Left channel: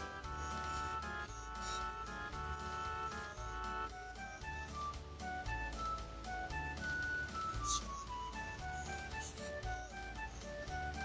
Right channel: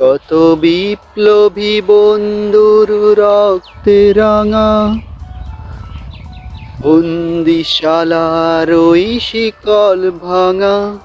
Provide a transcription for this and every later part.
কত বিপ্লবী বন্ধুর রক্তে রাঙা। বন্দিশালার ওই শিকল ভাঙা।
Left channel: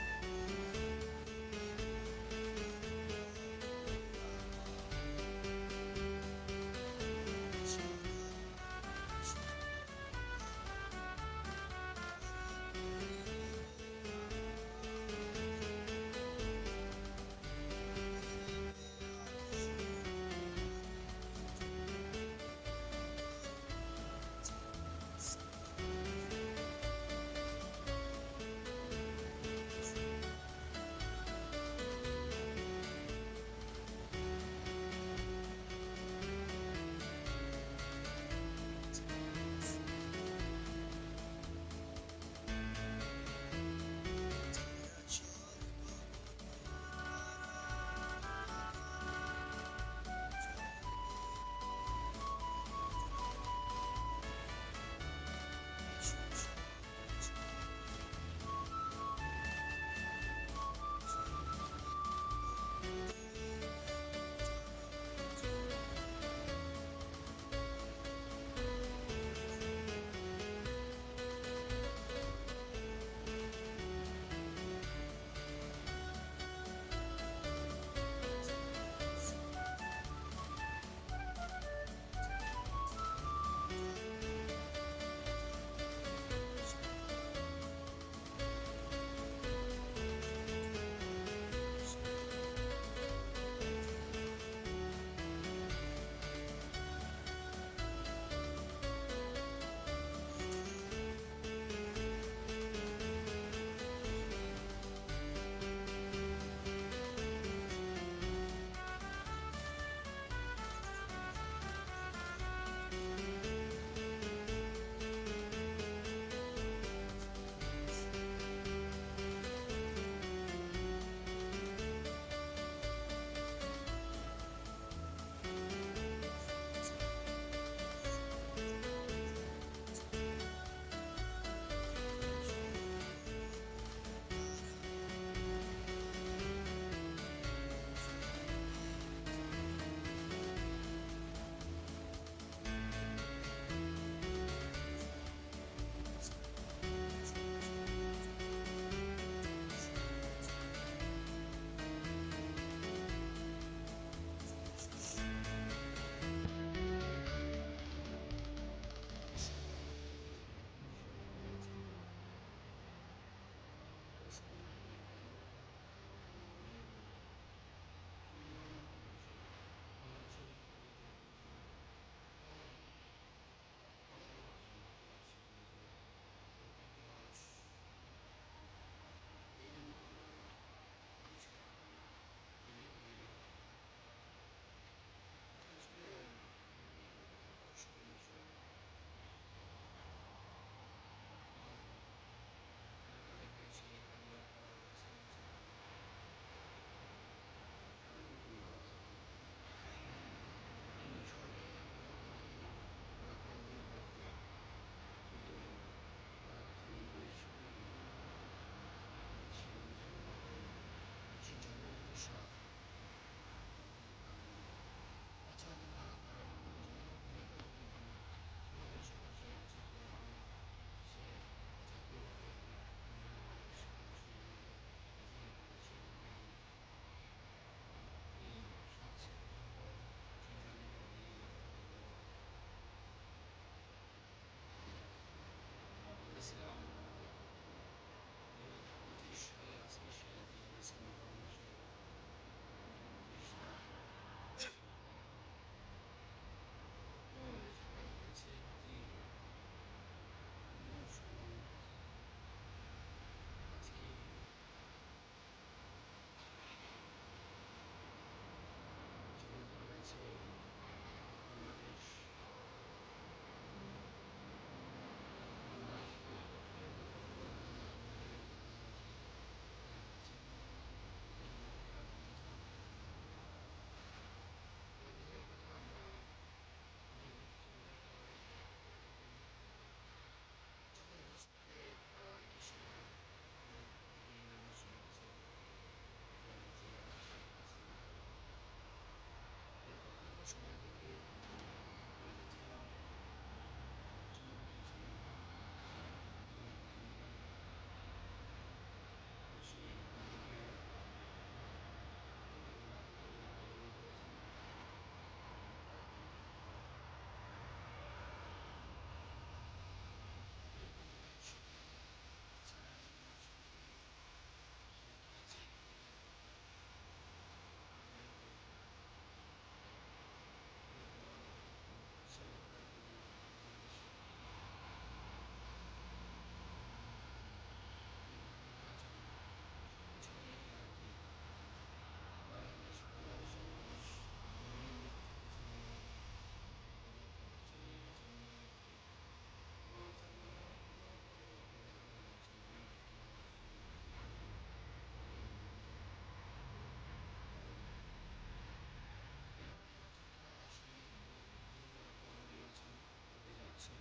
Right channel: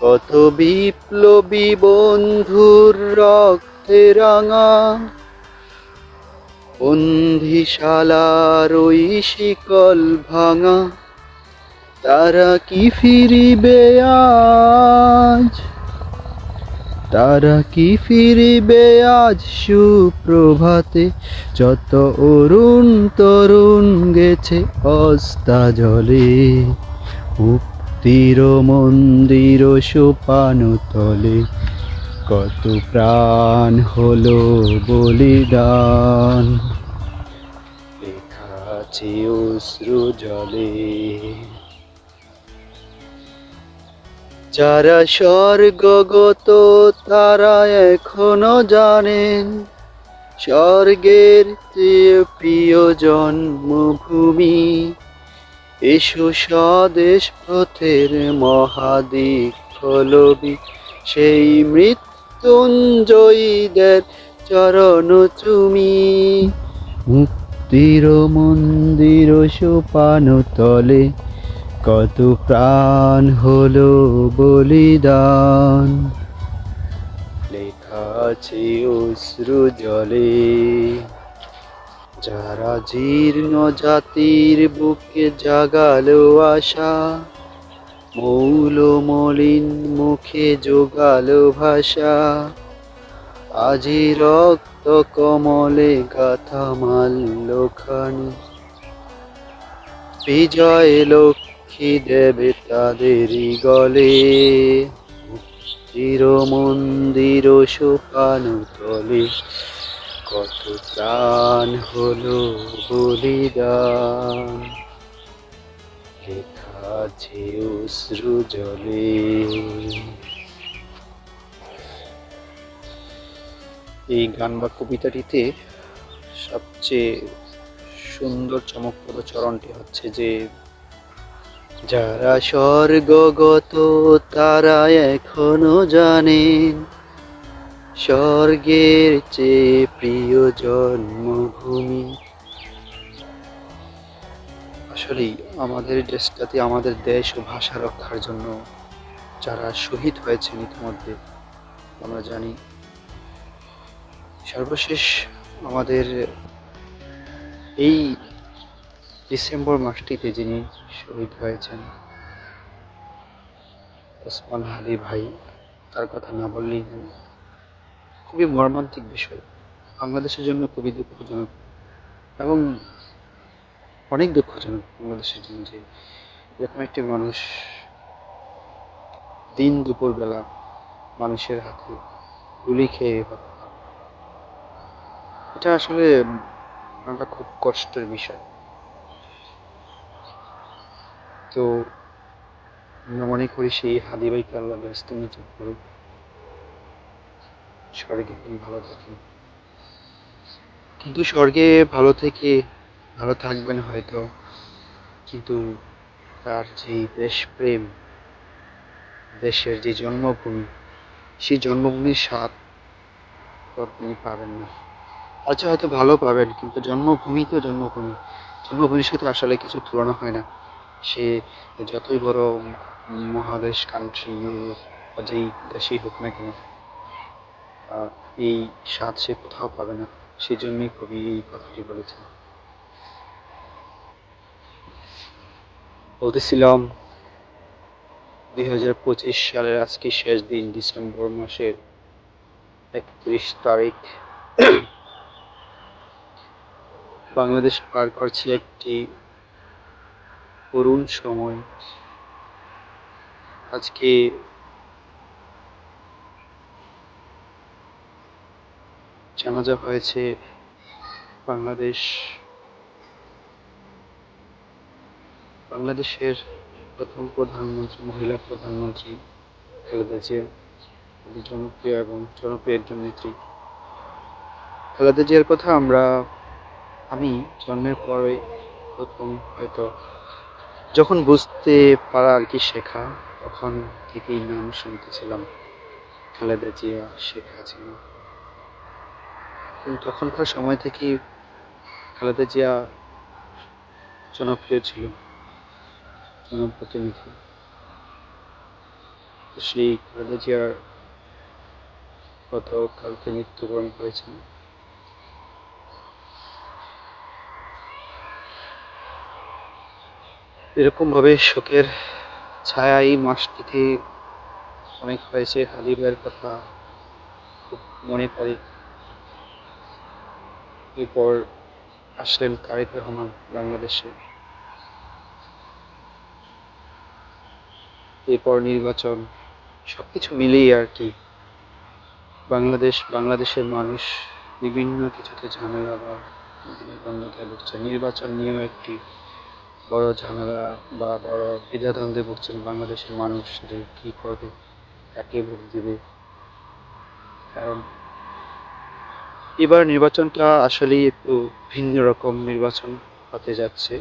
কত বিপ্লবী বন্ধুর রক্তে রাঙা। বন্দিশালার ওই শিকল ভাঙা। তারা কি ফিরিবে আজ? তারা কি ফিরিবে আজ সুপ্রভাতে? যত অরুণ তরুণ গেছে অস্তা জলে। মুক্তির মন্দির সোপান তলে। কত প্রাণ হলো বলিদান। লেখা আছে অশ্রু জলে। যারা স্বর্গগত তারা এখনও জানেন স্বর্গের চেয়ে প্রিয় জন্মভূমি। এসো স্বদেশ পথের মহাদিক ফলবি সেই মৃত্যুঞ্জয়ীদের চরণ চুমি মুক্তির মন্দির সোপান তলে কত প্রাণ হলো বলিদান। লেখা আছে অশ্রু জলে, যারা জীর্ণ জাতির বুকে জাগালো আশা, মৌল মলিন মুখে যোগালো ভাষা। আজি রক্ত কমলে গাথা মাল্য বিজয় লক্ষ্মী দেবে তাদেরই গলে। চির মন্দির সোপান তলে। কত প্রাণ হলো বলিদান। আছে অশ্রু জলে। এই গান বা কবিতাটিতে সবচেয়ে সুন্দর চমকপ্রদ চরণটি হচ্ছে যে যারা স্বর্গগত তারা এখনও জানেন। স্বর্গের চেয়ে প্রিয় জন্মভূমি। আসলেই আমাদের দেশটাতে, আমাদের দেশ ও ভাষা রক্ষার জন্য যারা শহীদ হয়েছেন ইতিমধ্যে, আমরা জানি। সর্বশেষ আমাদের এই ডিসেম্বর মাসটিতে যিনি শহীদ হয়েছেন। ওসমান হাদি ভাই, তার কথা না বললেই। খুবই মর্মান্তিক বিষয়। বাংলাদেশের জন্য খুবই দুঃখজনক এবং অনেক দুঃখজনক বাংলাদেশের জন্য যে এরকম একটি মানুষ দিন দুপুরবেলা মানুষের হাতে গুলি খেয়ে এটা আসলে একটা খুব কষ্টের বিষয়। তো আমরা মনে করি সেই হাদি ভাইকে আল্লাহ ব্যস্ত নিচুপ করুক স্বর্গে তিনি ভালো থাকেন। কিন্তু স্বর্গে ভালো থেকে ভালো থাকবেন হয়তো, কিন্তু তার যে দেশপ্রেম, দেশের যে জন্মভূমি, সেই জন্মভূমির স্বাদ তিনি পাবেন না। আচ্ছা হয়তো ভালো পাবেন, কিন্তু জন্মভূমি তো জন্মভূমি। জন্মভূমির সাথে আসলে কিছু তুলনা হয় না। সে যতই বড় মহাদেশ কান্ট্রি যেই দেশেই হোক না কেন এই স্বাদ সে কোথাও পাবে না। সেই জন্যই কবি এই কথাটি বলেছেন। বলতেছিলাম, দুই হাজার পঁচিশ সালের আজকে শেষ দিন, ডিসেম্বর মাসের একত্রিশ তারিখ। বাংলাদেশ পার করছে একটি করুণ সময়। আজকে জানাজা হয়েছে বাংলাদেশ, বাংলাদেশের প্রথম প্রধানমন্ত্রী, মহিলা প্রধানমন্ত্রী খালেদা জিয়া জনপ্রিয় এবং জনপ্রিয় একজন নেত্রী। খালেদা জিয়ার কথা আমরা, আমি জন্মের পরে প্রথম হয়তো যখন বুঝতে পারা আর কি শেখা, তখন থেকেই নাম শুনতেছিলাম খালেদা জিয়া শেখ হাসিনা তখনকার সময় থেকেই খালেদা জিয়া জনপ্রিয় ছিল, জনপ্রতিনিধি। সেই খালেদা জিয়ার গতকালকে মৃত্যুবরণ করেছেন। এরকম ভাবে শোকের ছায়া এই মাসটিতে অনেক হয়েছে। হাবিবের কথা খুব মনে পড়ে। এরপর আসলেন তারেক রহমান বাংলাদেশে। এরপর নির্বাচন, সবকিছু মিলিয়ে আর কি। বাংলাদেশ, বাংলাদেশের মানুষ বিভিন্ন কিছুতে ঝামেলা বা দ্বন্দ্বতায় ভুগছে নির্বাচন নিয়েও একটি বড় ঝামেলা বা বড় দ্বিধাদ্বন্দ্বে ভুগছেন বাংলাদেশের মানুষ যে কী করবে, কাকে ভোট দেবে? কারণ এবার নির্বাচনটা আসলেই একটু ভিন্ন রকম নির্বাচন হতে যাচ্ছে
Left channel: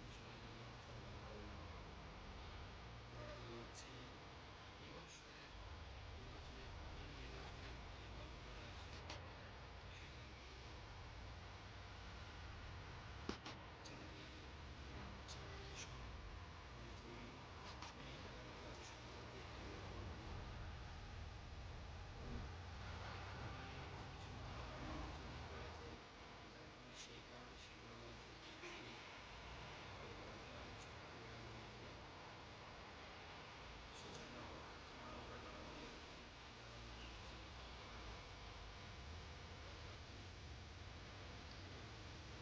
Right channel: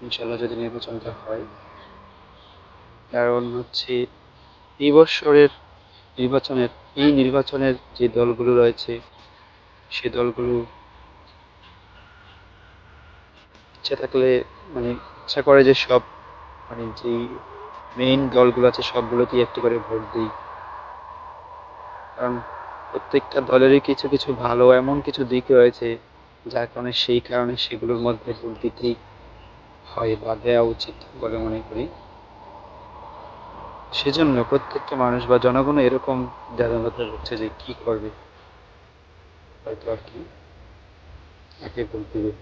ইনশাল্লাহ যদি নির্বাচনটা হয়। কারণ হচ্ছে এই বছরের নির্বাচনের, এই নির্বাচনের যে দলগুলো রয়েছে, সে দলগুলো ইচ্ছা থাকলে মানে ইচ্ছা করে যে সব মানে যেই মেইন দলগুলো আছে সবগুলোতেই একটু করে ভোট দিই। কারণ প্রত্যেকটা দলেরই কিছু কিছু ভালো, এমন কিছু দিক রয়েছে, যার কারণে সেই কারণে সেগুলোর মধ্যে ভোট দিতেই হয় বা দেওয়া উচিত বলে মনে করি। সেজন্য প্রত্যেকটা মানুষ বা জনগণ এরকম দ্বারস্থ হচ্ছে যে কি করবে? হয়তো আর কি একে ভোট দেবে।